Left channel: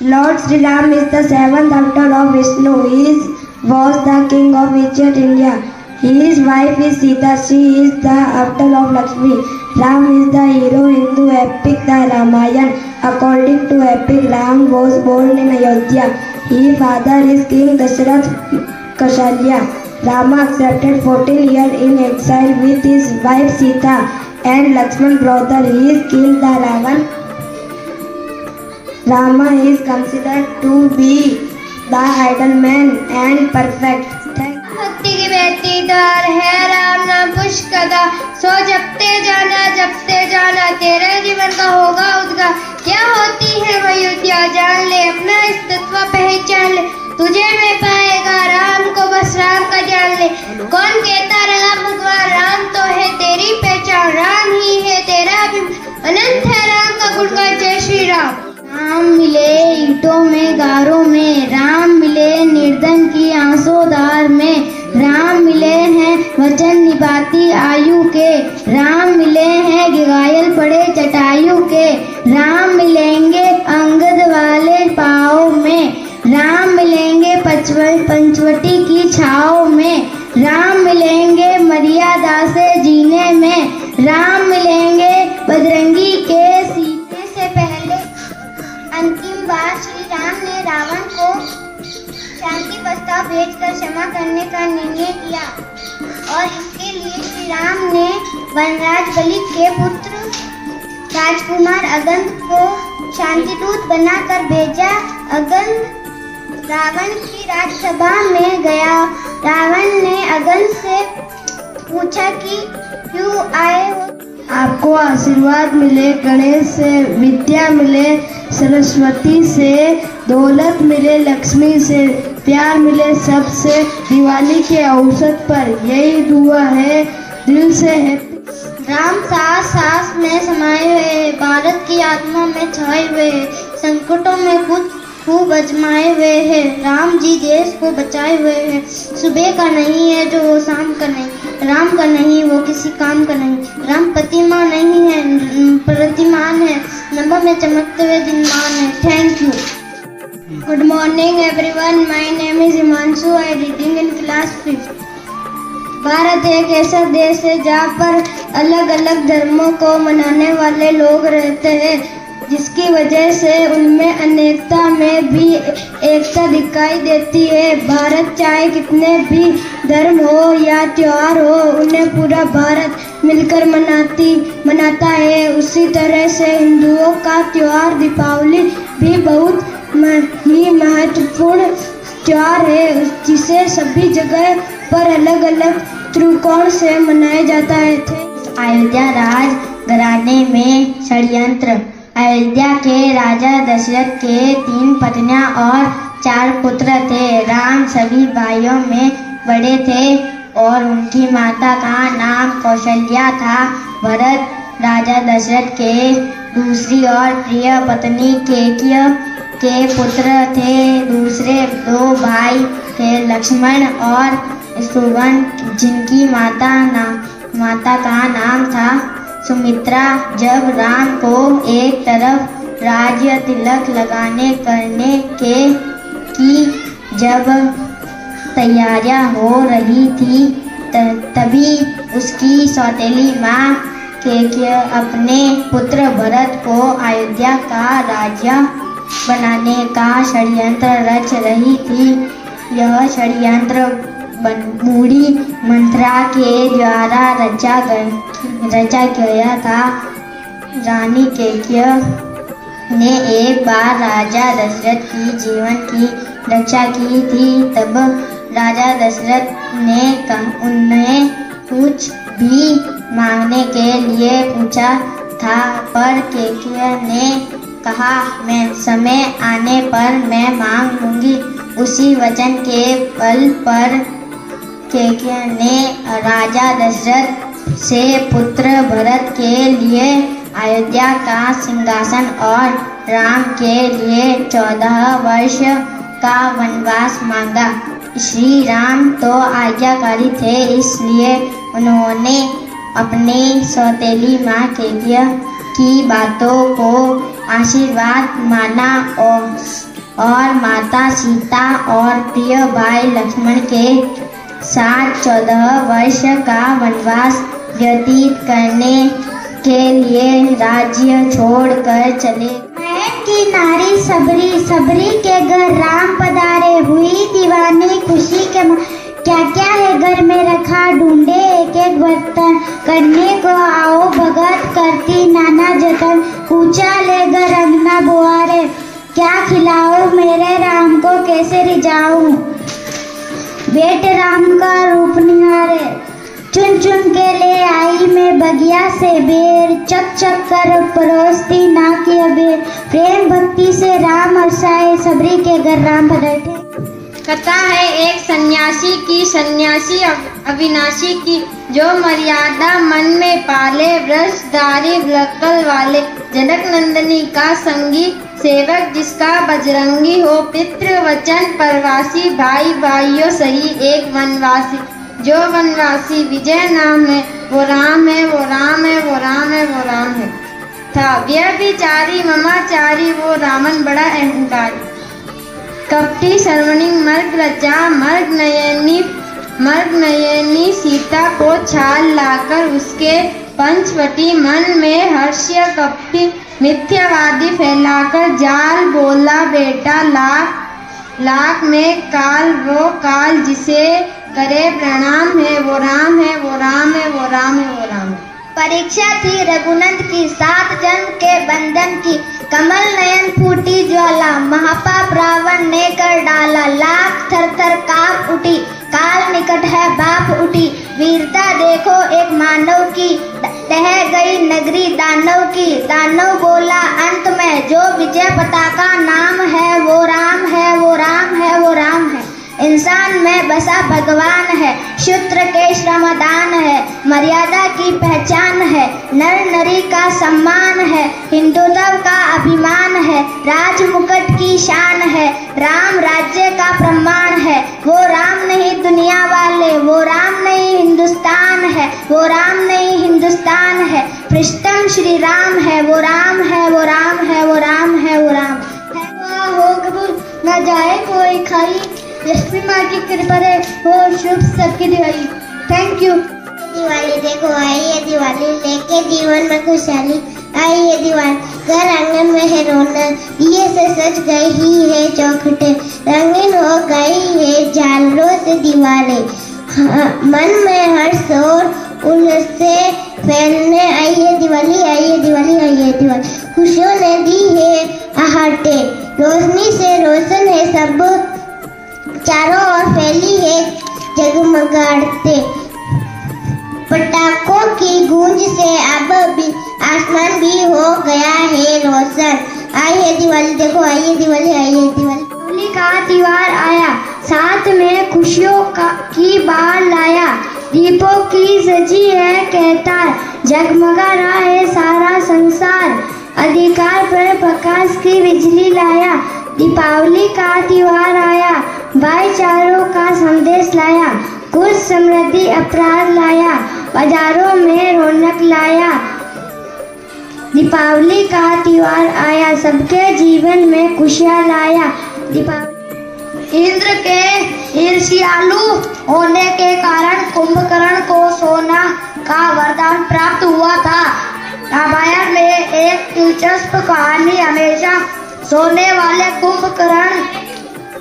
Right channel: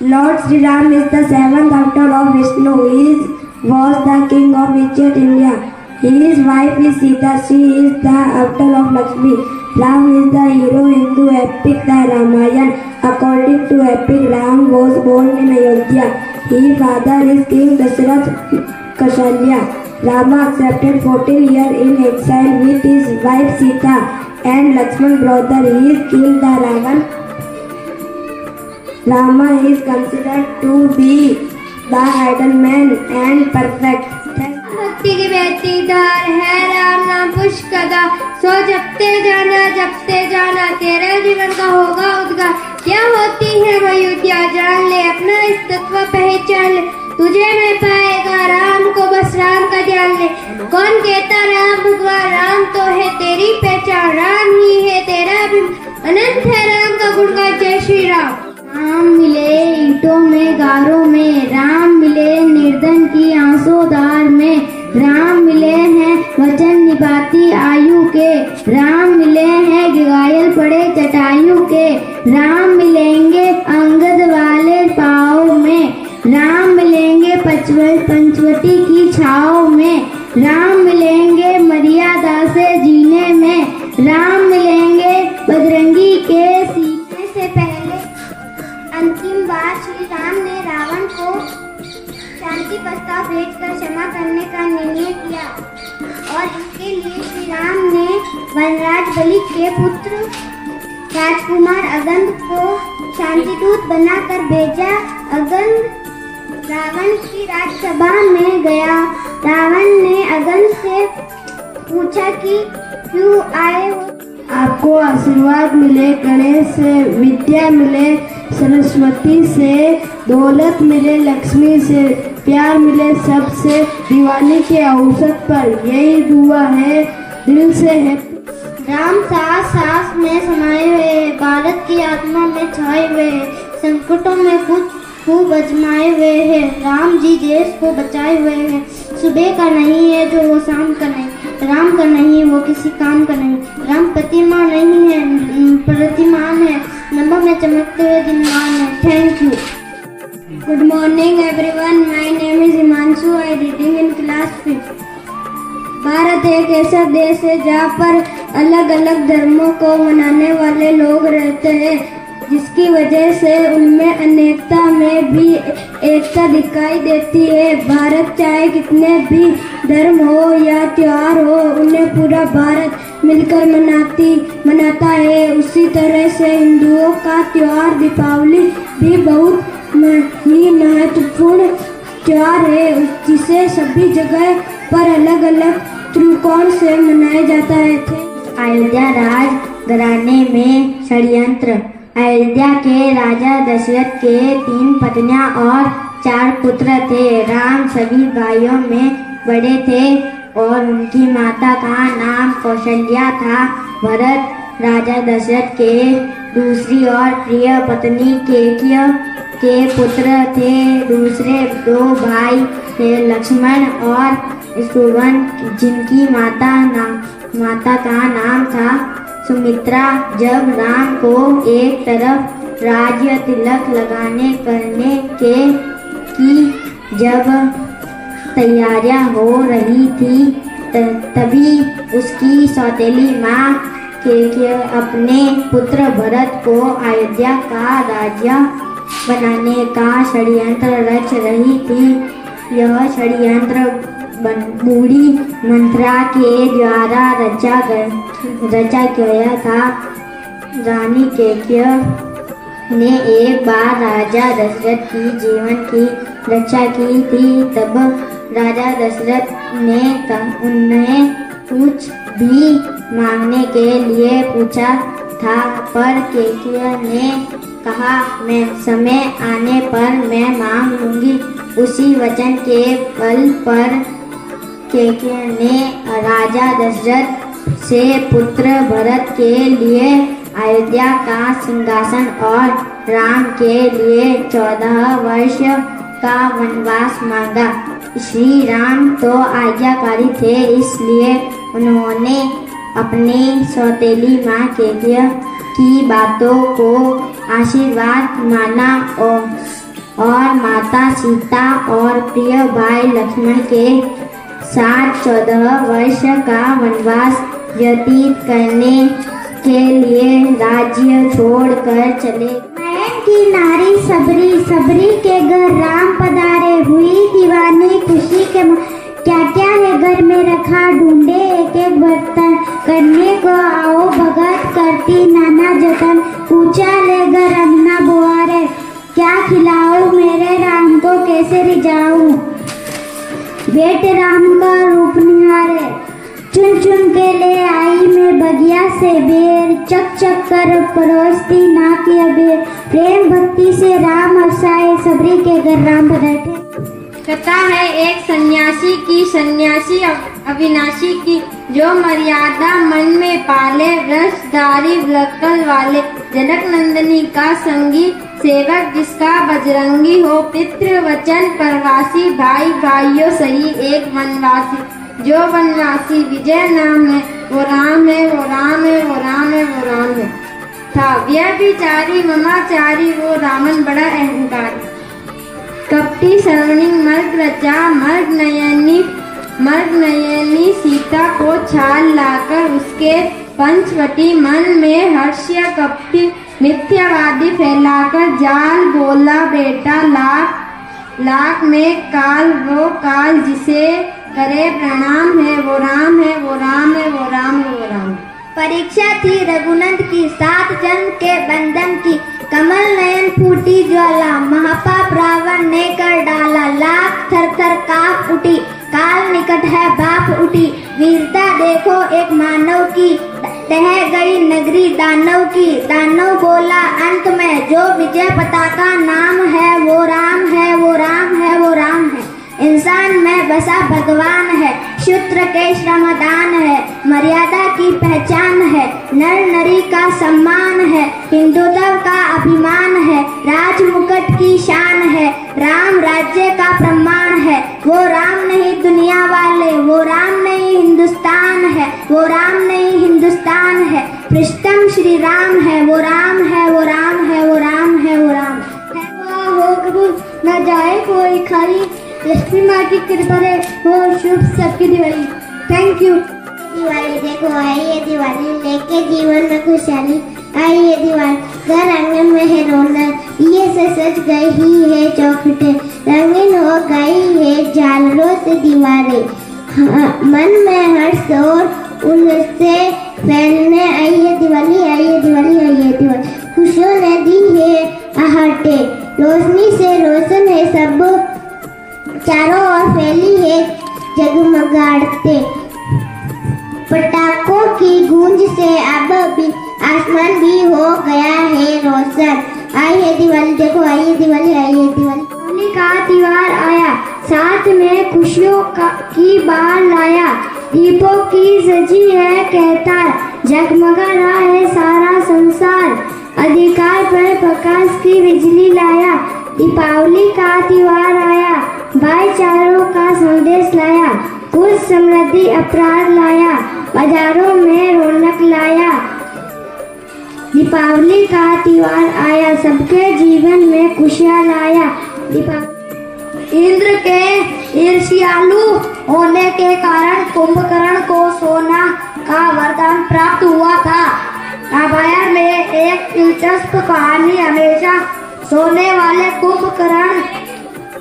Lord Sri Ram is the seventh avatar of Vishnu. He was the king of ancient India. His wife is Sita. She is the avatar of Lakshmi. Ram is the hero in Hindu epic the Ramayana. According to epic, Ram was born in Ayodhya. His father is King Dasharath Kaushalya. Rama accepted 14 years in exile with his wife Sita and Lakshman's brother. He killed the Ravan. Rama is considered to be the ideal man and perfect. भक्ति की बहती धार है राम नाम पुष्कदा सो जपते जाना तेरा जीवन का होगा उद्गार। क्या होती है अयोध्या जान ले अपना इस तत्व पहचान ले तुझे नहीं पाएगा राम को बस राम का जान ले। कौन कहता राम भगवान राम तो है तेरी पहचान राम ही है तेरा भी अनंत है राम का गुणगान जय श्री राम। राम मिले ईंटों में गारों में राम मिले निर्धन की आंसूधार में राम मिले हैं वचन निभाती आयु के राम मिले हैं घायल पड़े जटायु के राम मिलेंगे अंगद वाले पाँव में राम मिलेंगे पंचवटी की छाँव में राम मिलेंगे मर्यादा से जीने में राम मिलेंगे बजरंगी के सीने से पहले। अंतिम बार श्री राम ने रावण को शांति प्रस्ताव भेजकर क्षमा करने का निर्णय किया और इसके लिए श्री राम ने वनराज बलि के पुत्र राजकुमार अगंद को शांति दूत बनाकर भेजा। अगंद रावण की राजसभा में गया। रावण ने अगंद से पूछा कि क्यों आए हो। आपको आशीर्वाद मिले गणेश से, विद्या मिले सरस्वती से, दौलत मिले लक्ष्मी से, प्यार मिले सबसे दिवाली के अवसर पर यही दुआ है दिल से है। राम सांस सांस में समाये हुए भारत की आत्मा में छाए हुए हैं संकटों में खुद खूब अजमाए हुए हैं। राम जी देश को बचाए हुए हैं। सुबह का नहीं है जो वो शाम का नहीं, राम का नहीं वो किसी काम का नहीं। राम प्रतिमा नहीं है प्रतिमान है, नंबर में चमकते हुए दिनमान है। Thank you. Good morning everyone, my name is Himanshu, I reading in class 5। Bharat एक ऐसा देश है जहाँ पर अलग अलग धर्मों को मनाने वाले लोग रहते हैं, जिसकी वजह से उनमें अनेकता में भी एकता दिखाई देती है। भारत चाहे कितने भी धर्म हो या त्योहार हो, उन्हें पूरा भारत मिलकर मनाता है। उसी तरह से हिंदुओं का त्योहार दीपावली भी बहुत ही महत्वपूर्ण त्योहार है, जिसे सभी जगह पर अलग अलग त्रिकोण से मनाया जाता है। अयोध्या राज घराने में षड्यंत्र। अयोध्या के राजा दशरथ के 3 पत्नियां और 4 पुत्र थे। राम सभी भाइयों में बड़े थे और उनकी माता का नाम कौशल्या था। भरत राजा दशरथ के दूसरी और प्रिय पत्नी केकया के पुत्र थे। दूसरे 2 भाई थे लक्ष्मण और शत्रुघ्न, जिनकी माता का नाम था सुमित्रा। जब राम को एक तरफ राज्य तिलक लगाने करने की जब तैयारियां हो रही थी, तभी उसकी सौतेली माँ केकया अपने पुत्र भरत को अयोध्या का राज्य बनाने का षड्यंत्र रच रही थी। यह षड्यंत्र बूढ़ी मंथरा के द्वारा रचा गया था। रानी केकया ने एक बार राजा दशरथ की जीवन की रक्षा की थी। तब राजा दशरथ ने उन्हें कुछ भी मांगने के लिए पूछा था, पर केकया ने कहा, मैं समय आने पर मैं मांग लूंगी। उसी वचन के बल पर केकया ने राजा दशरथ से पुत्र भरत के लिए अयोध्या का सिंहासन और राम के लिए 14 वर्ष का वनवास मांगा। श्री राम तो आज्ञाकारी थे, इसलिए उन्होंने अपनी सौतेली माँ केकया की बातों को आशीर्वाद माना और माता सीता और प्रिय भाई लक्ष्मण के साथ 14 वर्ष का वनवास व्यतीत करने के लिए राज्य छोड़कर चले। महल की नारी सबरी, सबरी के घर राम पधारे, हुई दीवानी खुशी के क्या क्या है घर में रखा, ढूंढे एक एक बर्तन, करने को आओ भगत करती नाना जतन, पूछा ले घर अंगना बुआरे, क्या खिलाओ मेरे राम को कैसे रिझाऊं, बेट राम का रूप निहारे, चुन चुन के ले आई मैं बगिया से बेर, चक चक कर परोसती ना की अबेर, प्रेम भक्ति से राम हर्षाए, सबरी के घर राम पधारे। कथा है एक सन्यासी अविनाशी की, जो मर्यादा मन में पाले, वृषधारी वक्ल वाले, जनक नंदनी का संगी सेवक, जिसका बजरंगी हो, पितृ वचन परवासी, भाई भाइयों सही एक वनवासी, जो वनवासी विजय नाम है, वो राम है, वो राम है, वो राम है, वो राम है, था व्यभिचारी ममाचारी, वो रावण बड़ा अहंकारी, कपटी श्रवणी मर्ग रचा, मर्ग नयनी सीता को छाल लाकर, उसके पंचवटी मन में हर्ष्य कपटी मिथ्यावादी फैलाकर, जाल बोला बेटा लाख में काल, वो काल जिसे करे प्रणाम है, वो राम है, वो राम है, वो राम है, वो राम है। परीक्षा थी रघुनंद की, 7 जन्म के बंधन की, कमल नयन फूटी ज्वाला, महापाप रावण ने कर डाला, लाख थर थर कांप उठी, काल निकट है बाप उठी, वीरता देखो एक मानव की, तह गई नगरी दानव की, दानव बोला अंत में, जो विजय पताका नाम है, वो राम है, वो राम है, वो राम है, इंसान में बसा भगवान है, शूद्र के श्रमदान है, मर्यादा की पहचान है, नर नरी का सम्मान है, हिंदुत्व का अभिमान है, राज मुकुट की शान है, राम राज्य का प्रमाण है, वो राम नहीं दुनिया वाले, वो राम नहीं हिंदुस्तान है, वो राम नहीं हिंदुस्तान है, पृष्ठम श्री राम है, वो राम है, वो राम है, वो राम है, वो राम न जाए कोई खाई, लक्ष्मी माँ की कृपा है, वो शुभ सबकी दिवाली। Thank you. दिवाली देखो आई है दिवाली, लेके जीवन में खुशहाली, आई है दिवाली घर आंगन में है रौनक, ये से सज गई है चौखटे, रंगीन हो गई है झालरों से दीवारें, मन में हर्ष और उल्लास से फैलने आई है दिवाली, आई है दिवाली, आई है दिवाली, खुशियों ने दी है आहटे, रोशनी से रोशन है सब चारों ओर फैली है जगमगाते, पटाखों की गूंज से अब भी आसमान भी हो गया है रोशन, आई है दिवाली देखो आई है दिवाली, आई है दिवाली। होली का त्योहार आया, साथ में खुशियों की बार लाया, दीपों की सजी है कहतार, जगमगा रहा है सारा संसार, अधिकार पर प्रकाश की बिजली लाया, दीपावली का त्योहार आया, भाईचारों का संदेश लाया, कुछ समृद्धि अपराध लाया, बाजारों में रौनक लाया, दीपावली का त्योहार आया, सबके जीवन में खुशियाँ लाया, इंद्र के ईर्ष्यालु होने के कारण कुंभकर्ण को सोना का वरदान प्राप्त हुआ था। रामायण में एक दिलचस्प कहानी हमेशा सोने वाले कुंभकर्ण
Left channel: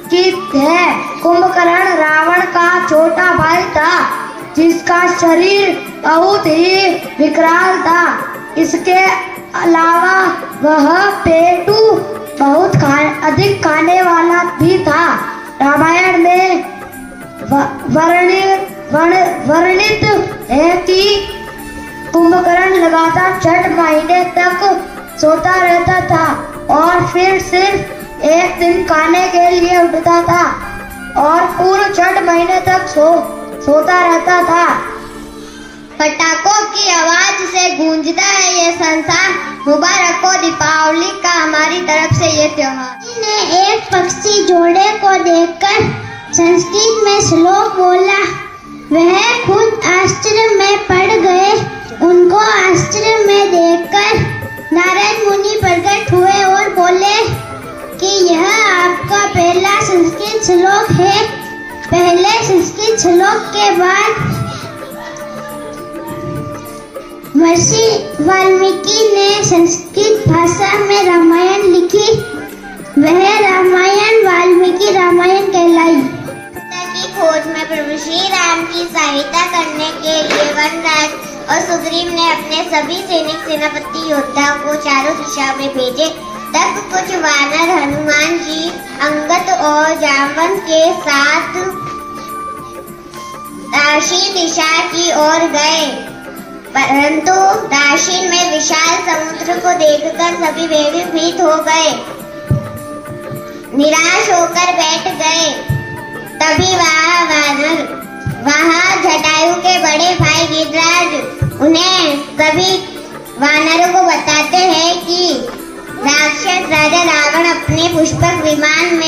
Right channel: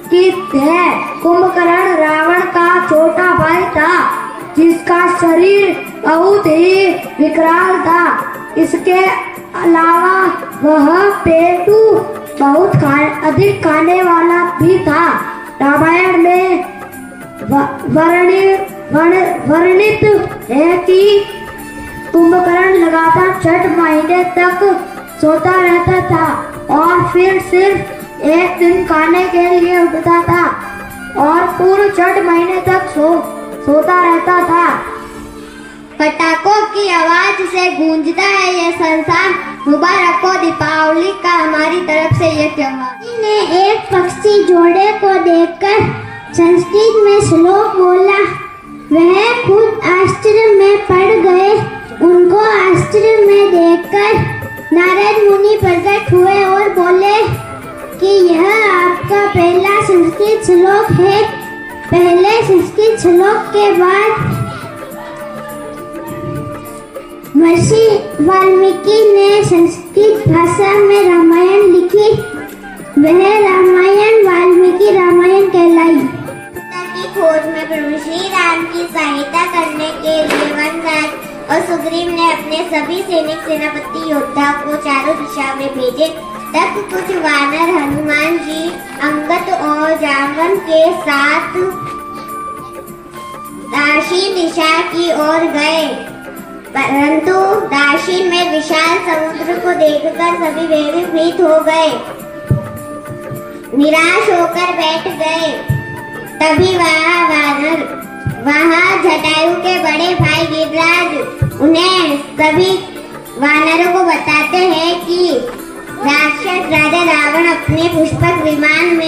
की है। कुंभकर्ण रावण का छोटा भाई था, जिसका शरीर बहुत ही विकराल था। इसके अलावा वह पेटू बहुत अधिक खाने वाला भी था। रामायण में वर्णित है कि कुंभकर्ण लगातार 6 महीने तक सोता रहता था और फिर सिर्फ एक दिन खाने के लिए उठता था और पूरे 6 महीने तक सोता रहता था। पटाखों की आवाज से गूंजता है ये संसार, मुबारक हो दीपावली का हमारी तरफ से ये त्योहार। ने एक पक्षी जोड़े को देखकर संस्कृत में श्लोक बोला, वह खुद आश्चर्य में पड़ गए। उनको आश्चर्य में देखकर नारद मुनि प्रकट हुए और बोले कि यह आपका पहला पहले संस्कृत श्लोक के बाद महर्षि वाल्मीकि ने संस्कृत भाषा में रामायण लिखी। वह रामायण वाल्मीकि रामायण कहलाई। की खोज में प्रभु श्री राम की सहायता करने के लिए वनराज और सुग्रीव ने अपने सभी सैनिक सेनापति योद्धाओं को चारों दिशा में भेजे। तब कुछ वानर हनुमान जी, अंगद और जामवंत के साथ दाक्षिण दिशा की ओर गए, परंतु दाक्षिण में विशाल समुद्र को देखकर सभी भयभीत हो गए, निराश होकर बैठ गए। तभी वहाँ जटायु के बड़े भाई गिरिराज उन्हें सभी वानरों को बताते हैं कि राक्षस राजा रावण अपने पुष्पक विमान में